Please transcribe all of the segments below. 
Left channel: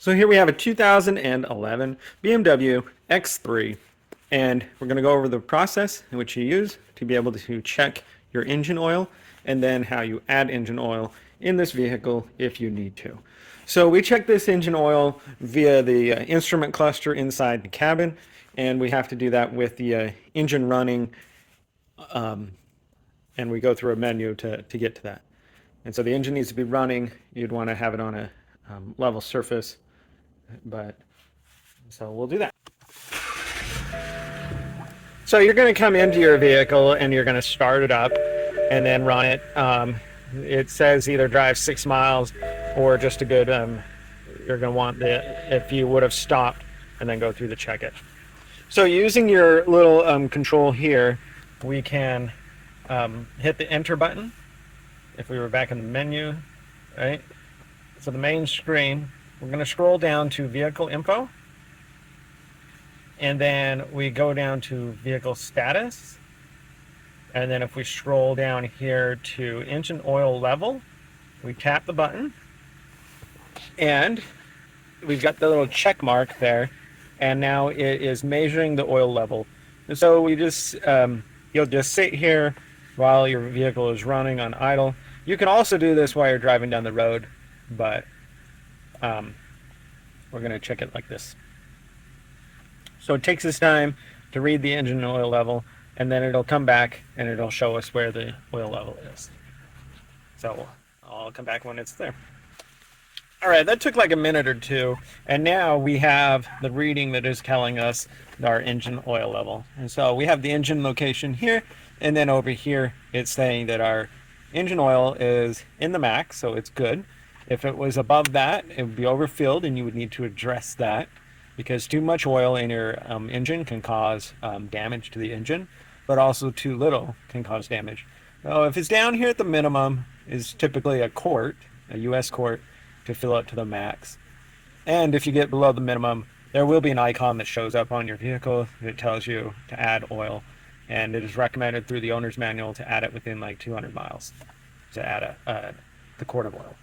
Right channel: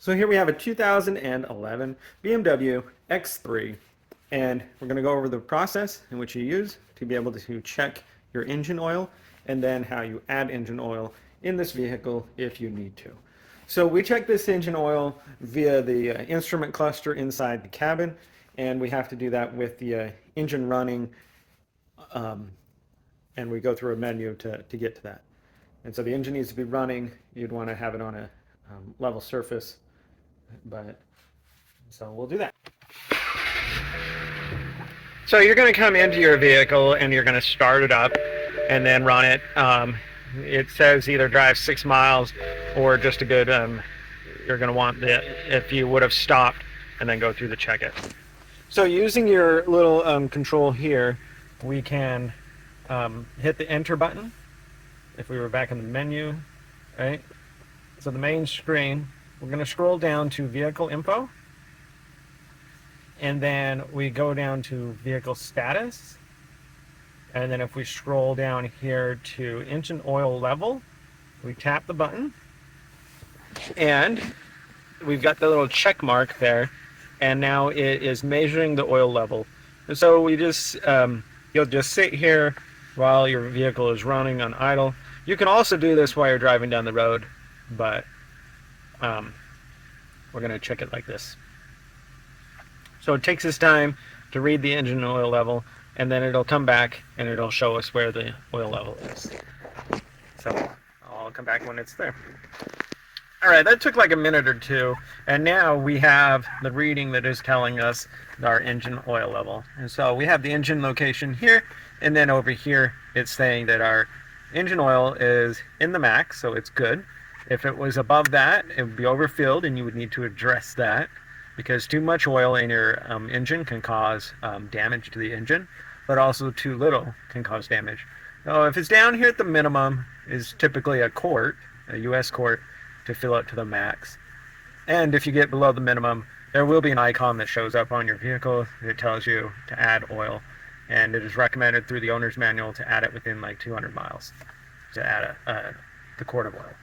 So here we have a 2011 BMW X3, and we're going to go over the process in which you use to be able to check your engine oil, and then how you add engine oil in this vehicle if you need to. So we check this engine oil via the instrument cluster inside the cabin, and we have to do that with the engine running, and we go through a menu to get to that. And so the engine needs to be running. You'd want to have it on a level surface, but so we'll do that. So you're going to come into your vehicle and you're going to start it up and then run it. It says either drive 6 miles or just a good, you're going to want the, if you would have stopped and then go through the check it. So using your little control here, we can hit the enter button if we were back in the menu, right? So the main screen, we're going to scroll down to vehicle info, and then we go down to vehicle status, and then if we scroll down here to engine oil level, we tap the button and we've got the little check mark there, and now it is measuring the oil level. And so we just you'll just sit here while your vehicle is running on idle. You can also do this while you're driving down the road, but we're going to check it like this. So it takes us time to read the engine oil level, and then it'll come back and it'll show us where the oil level is. So I'll come back when it's there. All right, that took like a minute or two, and now we have the reading that is telling us our engine oil level. And so we have the engine location here, and then over here it's saying that our engine oil is in the max, so it's good. If it was above that, it would be overfilled, and you would need to address that, because too much oil in your engine can cause damage to the engine, but also too little can cause damage. If it's down here at the minimum, is typically a quart, a US quart, to fill up to the max. And if you get below the minimum, there will be an icon that shows up on your vehicle that tells you to add oil, and it is recommended through the owner's manual to add it within like 200 miles to add the quart of oil.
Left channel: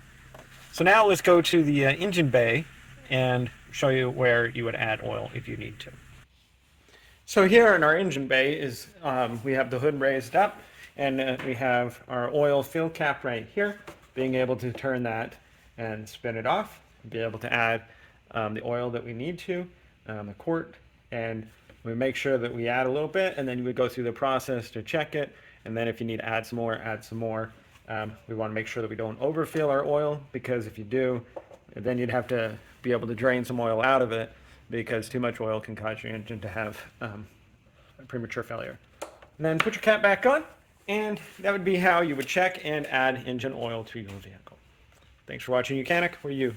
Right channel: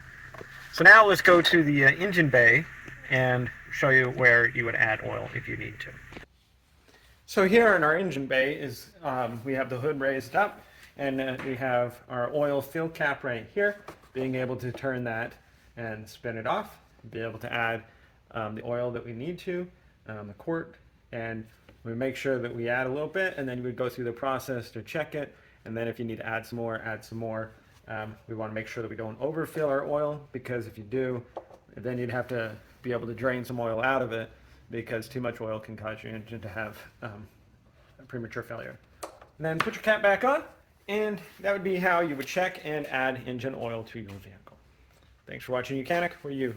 So now let's go to the engine bay and show you where you would add oil if you need to. So here in our engine bay is we have the hood raised up, and we have our oil fill cap right here, being able to turn that and spin it off, be able to add the oil that we need to, a quart, and we make sure that we add a little bit, and then we go through the process to check it, and then if you need to add some more, add some more. We want to make sure that we don't overfill our oil, because if you do, then you'd have to be able to drain some oil out of it, because too much oil can cause your engine to have premature failure. And then put your cap back on, and that would be how you would check and add engine oil to your vehicle. Thanks for watching Mechanic. We're you.